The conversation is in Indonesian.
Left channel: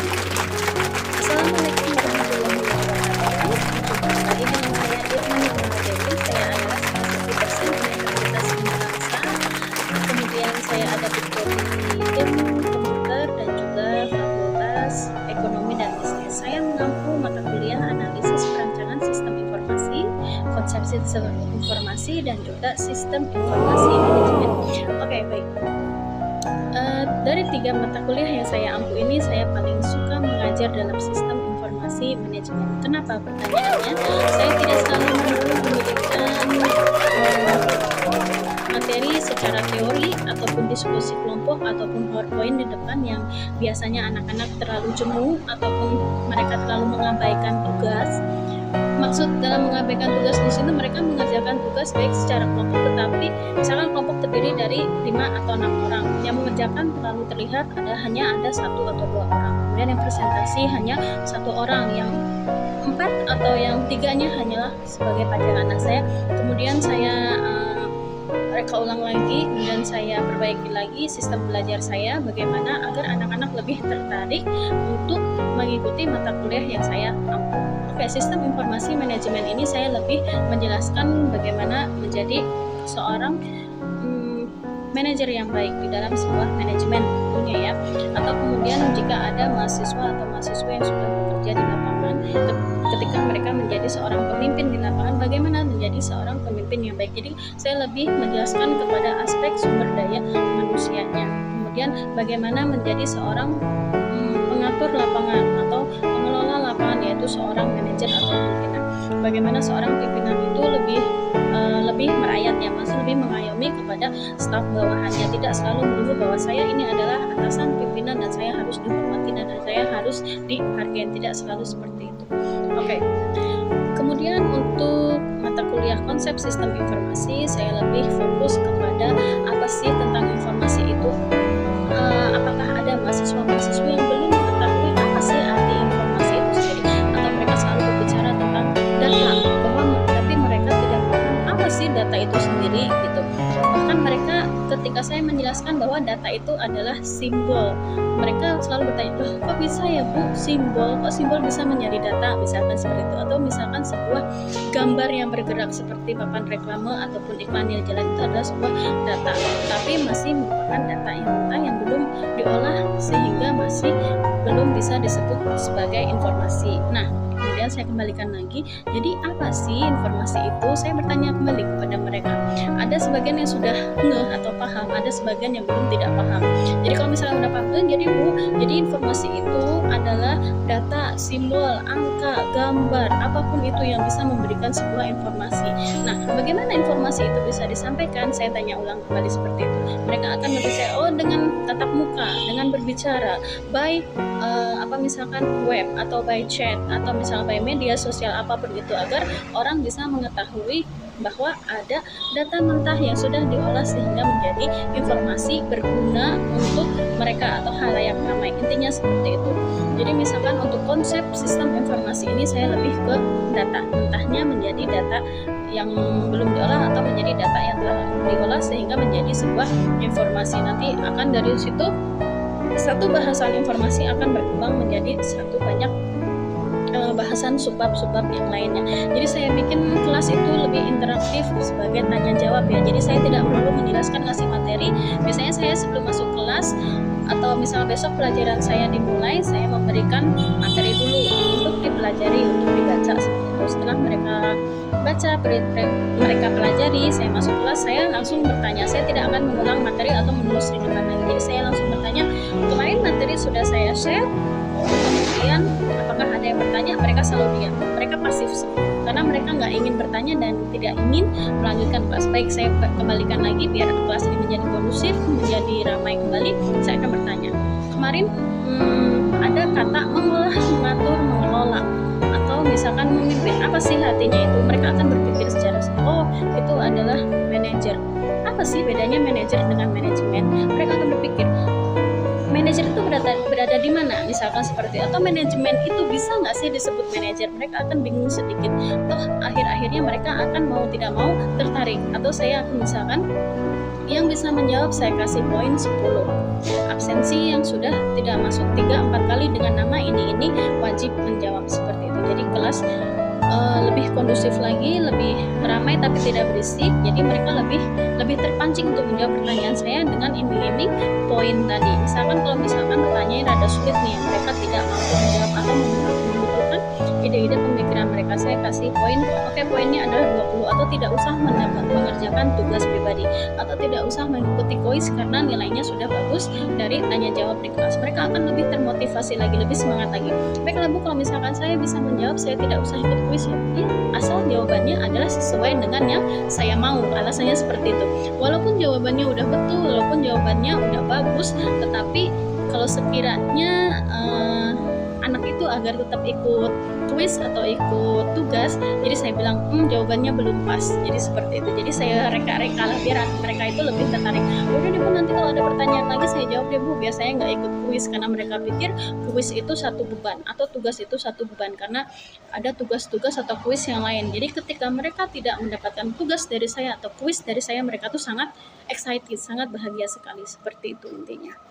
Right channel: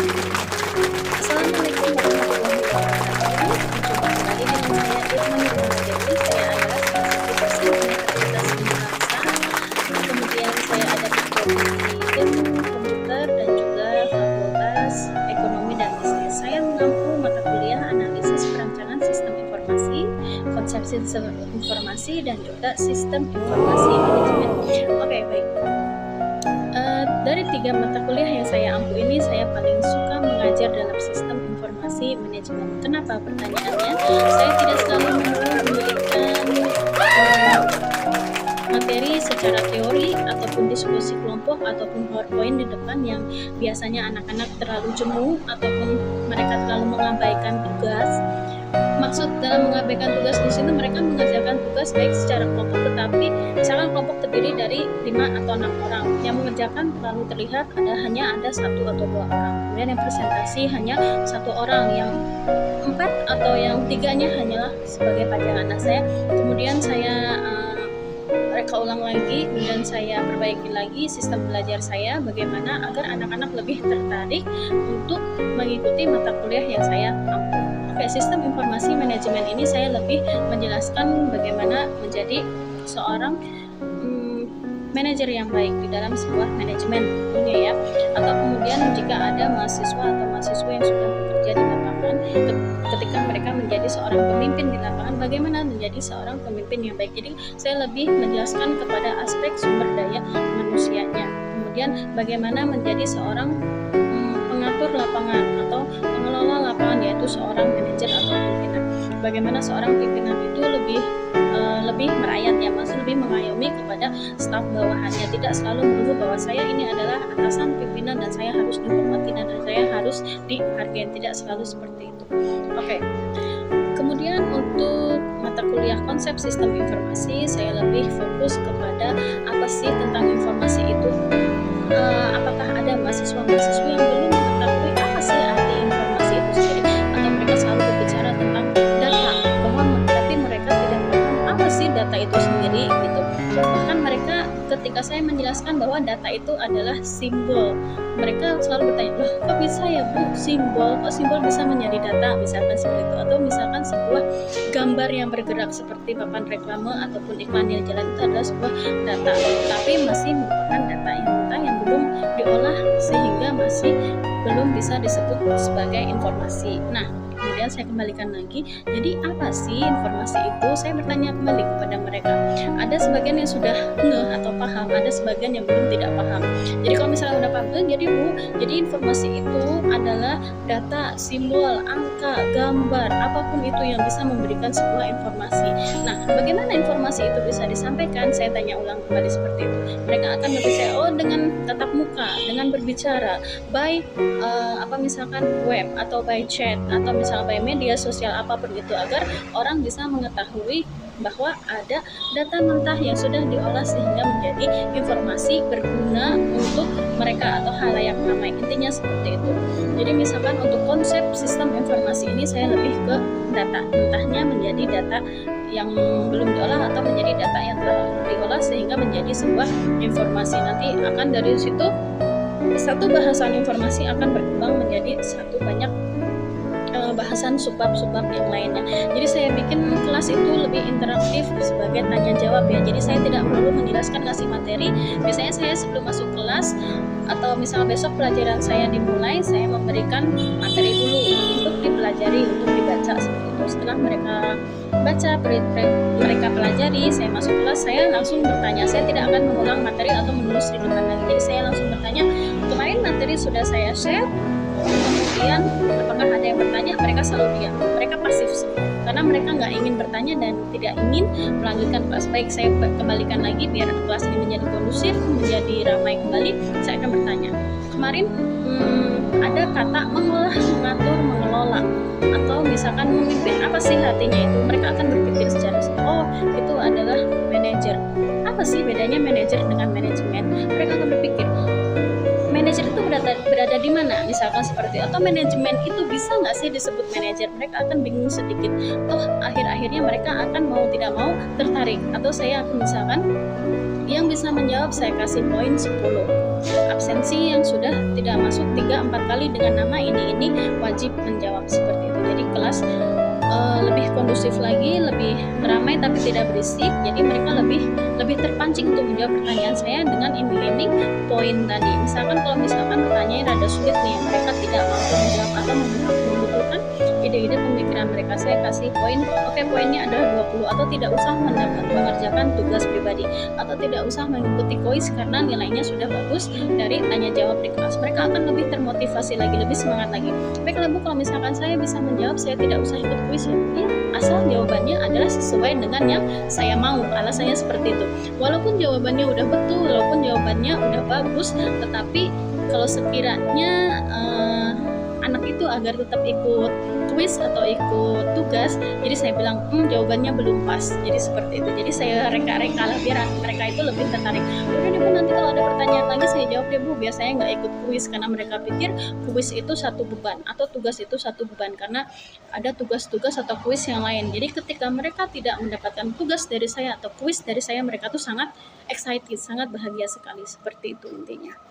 Assalamualaikum warahmatullahi wabarakatuh. Jumpa kembali dengan saya Irma Nurmala Dewi. Saya adalah salah satu dosen Universitas Bangsa. Kemudian saya ada di ilmu komputer dan juga Fakultas Ekonomi dan Bisnis. Saya mengampu mata kuliah analisis perancangan sistem informasi, konsep sistem informasi dan juga sistem informasi manajemen. Oke, baik. Dari 3 mata kuliah yang saya ampu ini, saya paling suka mengajar dalam sistem informasi manajemen. Kenapa? Pertanyaannya, saya tidak selalu memberikan materi secara teori ataupun diskusi kelompok ataupun PowerPoint di depan yang biasanya anak-anak terlalu jemu ataupun mereka terlalu mengabaikan tugas. Maksud dalam mengabaikan tugas di sini, mereka mengerjakan tugas baik secara kelompok, tetapi misalkan kelompok terdiri dari 5 atau 6 orang, yang mengerjakan terlalu terlihat hanya ada 1 atau 2 orang. Kemudian yang presentasi hanya 1 orang, yang 4 atau yang 3-nya hanyalah sebagai pajangan. Nah, kemudian saya reka ulang lagi, kemudian saya perbaiki lagi sistem belajar saya bagaimana agar anak-anak lebih tertarik untuk mengikuti mata kuliah yang saya ampu. Oke, sistem informasi manajemen ini saya lebih menjelaskan bagaimana menjadi seorang manajer yang baik di dalam sebuah manajemen tentunya ya. Atau kemudian jika ada mahasiswa atau mahasiswa yang sudah bekerja di lapangan, ketika mereka menjadi seorang pemimpin di lapangan, bagaimana menjadi seorang pemimpin yang baik. Jadi saya lebih menjelaskan kepada aspek sumber daya manusianya. Kemudian bagaimana menjadi seorang pengatur lapangan atau pengelola lapangan, yaitu seorang manajer atau pimpinan. Bagaimana seorang pimpinan itu lebih merayat ya, masih lebih mengayomi kepada staf bawahannya, tidak selalu menunggu bahwa saya ini adalah atasan pimpinan dan saya harus dihormati dan saya harus dihargai, tidak selalu seperti itu. Oke. Kemudian untuk mata kuliah konsep sistem informasi, saya lebih fokus kepada apa sih tentang informasi itu. Apakah ada mahasiswa-mahasiswa yang belum mengetahui apa sih arti informasi itu sendiri, atau mereka selalu berbicara tentang data, tapi mereka tidak paham apa sih data itu sendiri gitu. Bahkan mereka ketika saya menjelaskan bahwa data itu adalah simbol, mereka selalu bertanya, loh kok bisa ya Bu simbol, kok simbol bisa menjadi data, misalkan seperti itu. Atau misalkan sebuah gambar yang bergerak seperti papan reklame ataupun iklan yang jalan itu adalah sebuah data, tapi masih merupakan data yang mentah yang belum diolah sehingga masih belum bisa disebut sebagai informasi. Nah, kemudian saya kembalikan lagi, jadi apa sih informasi itu? Saya bertanya kembali kepada mereka. Ada sebagian yang sudah ngeh atau paham, ada sebagian yang belum tidak paham. Jadi kalau misalnya udah paham, jadi Bu, jadi informasi itu adalah data, simbol, angka, gambar, apapun itu yang bisa memberikan sebuah informasi. Nah, bagaimana informasi itu bisa disampaikan? Saya tanya ulang kembali seperti itu. Mereka akan berbicara, dengan tatap muka, dengan berbicara, by misalkan web atau by chat atau misalnya by media sosial apapun itu, agar orang bisa mengetahui bahwa ada data mentah yang sudah diolah sehingga menjadi informasi berguna untuk mereka atau halayak ramai. Intinya seperti itu. Jadi misalkan untuk konsep sistem informasi ini saya lebih ke data mentahnya menjadi data yang belum diolah atau menjadi data yang telah diolah sehingga menjadi sebuah informasi. Nanti akan dari situ satu bahasan informasi akan berkembang menjadi satu banyak bahasan subbab-subbab yang lainnya. Jadi saya bikin kelas itu lebih interaktif sebagai tanya jawab ya. Jadi saya tidak perlu menjelaskan ngasih materi. Biasanya saya sebelum masuk kelas atau misalnya besok pelajaran saya dimulai, saya memberikan materi dulu untuk dipelajari, untuk dibaca seperti itu. Setelah mereka baca, mereka pelajari, saya masuk kelas, saya langsung bertanya. Saya tidak akan mengulang materi atau menulis di depan lagi. Jadi saya langsung bertanya, kemarin materi sudah saya share, kemudian apakah ada yang bertanya? Mereka selalu diam, mereka pasif semua karena mereka nggak ingin bertanya dan tidak ingin melanjutkan kelas. Baik, saya kembalikan lagi biar kelas ini menjadi kondusif, menjadi ramai kembali. Saya akan bertanya, kemarin ada kata mengolah, mengatur, mengelola, atau misalkan memimpin, apa sih artinya itu? Mereka akan berpikir secara itu adalah manajer. Apa sih bedanya manajer dengan manajemen? Mereka akan berpikir, manajer itu berada di mana, misalkan seperti itu. Atau manajemen itu bisa nggak sih disebut manajer? Mereka akan bingung sedikit. Akhir-akhirnya mereka akan mau tidak mau tertarik. Atau saya akan misalkan Yang bisa menjawab saya kasih poin 10. Absensi yang sudah tidak masuk 3-4 kali dengan nama ini wajib menjawab seperti itu. Jadi kelas lebih kondusif lagi, lebih ramai tapi tidak berisik. Jadi mereka lebih terpancing untuk menjawab pertanyaan saya dengan iming-iming poin tadi. Misalkan kalau pertanyaannya rada sulit nih, mereka tidak mampu menjawab atau membutuhkan ide-ide pemikiran mereka, saya kasih poin. Oke, poinnya adalah 20, atau tidak usah mengerjakan tugas pribadi, atau tidak usah mengikuti kuis karena nilainya sudah bagus dari tanya jawab di kelas. Mereka akan lebih termotivasi lagi, lebih semangat lagi. Baiklah Bu, kalau misalkan saya bisa menjawab, saya tidak usah ikut kuis ya, asal jawabannya adalah sesuai dengan yang saya mau. Alasannya seperti itu. Walaupun jawabannya udah betul, walaupun jawabannya udah bagus, tetapi kalau sekiranya anak itu agar tetap ikut kuis atau ikut tugas, jadi saya bilang jawabannya belum pas, jadi seperti itu. Jadi saya reka-reka lah biar mereka itu lebih tertarik. Udah deh Bu, nanti kalau ada pertanyaan lagi saya jawab deh Bu. Biasanya nggak ikut kuis karena mereka pikir kuis itu satu beban atau tugas itu satu beban, karena ada tugas-tugas atau kuis yang lain. Jadi ketika mereka tidak mendapatkan tugas dari saya atau kuis dari saya, mereka tuh sangat excited, sangat bahagia sekali. Seperti itu intinya.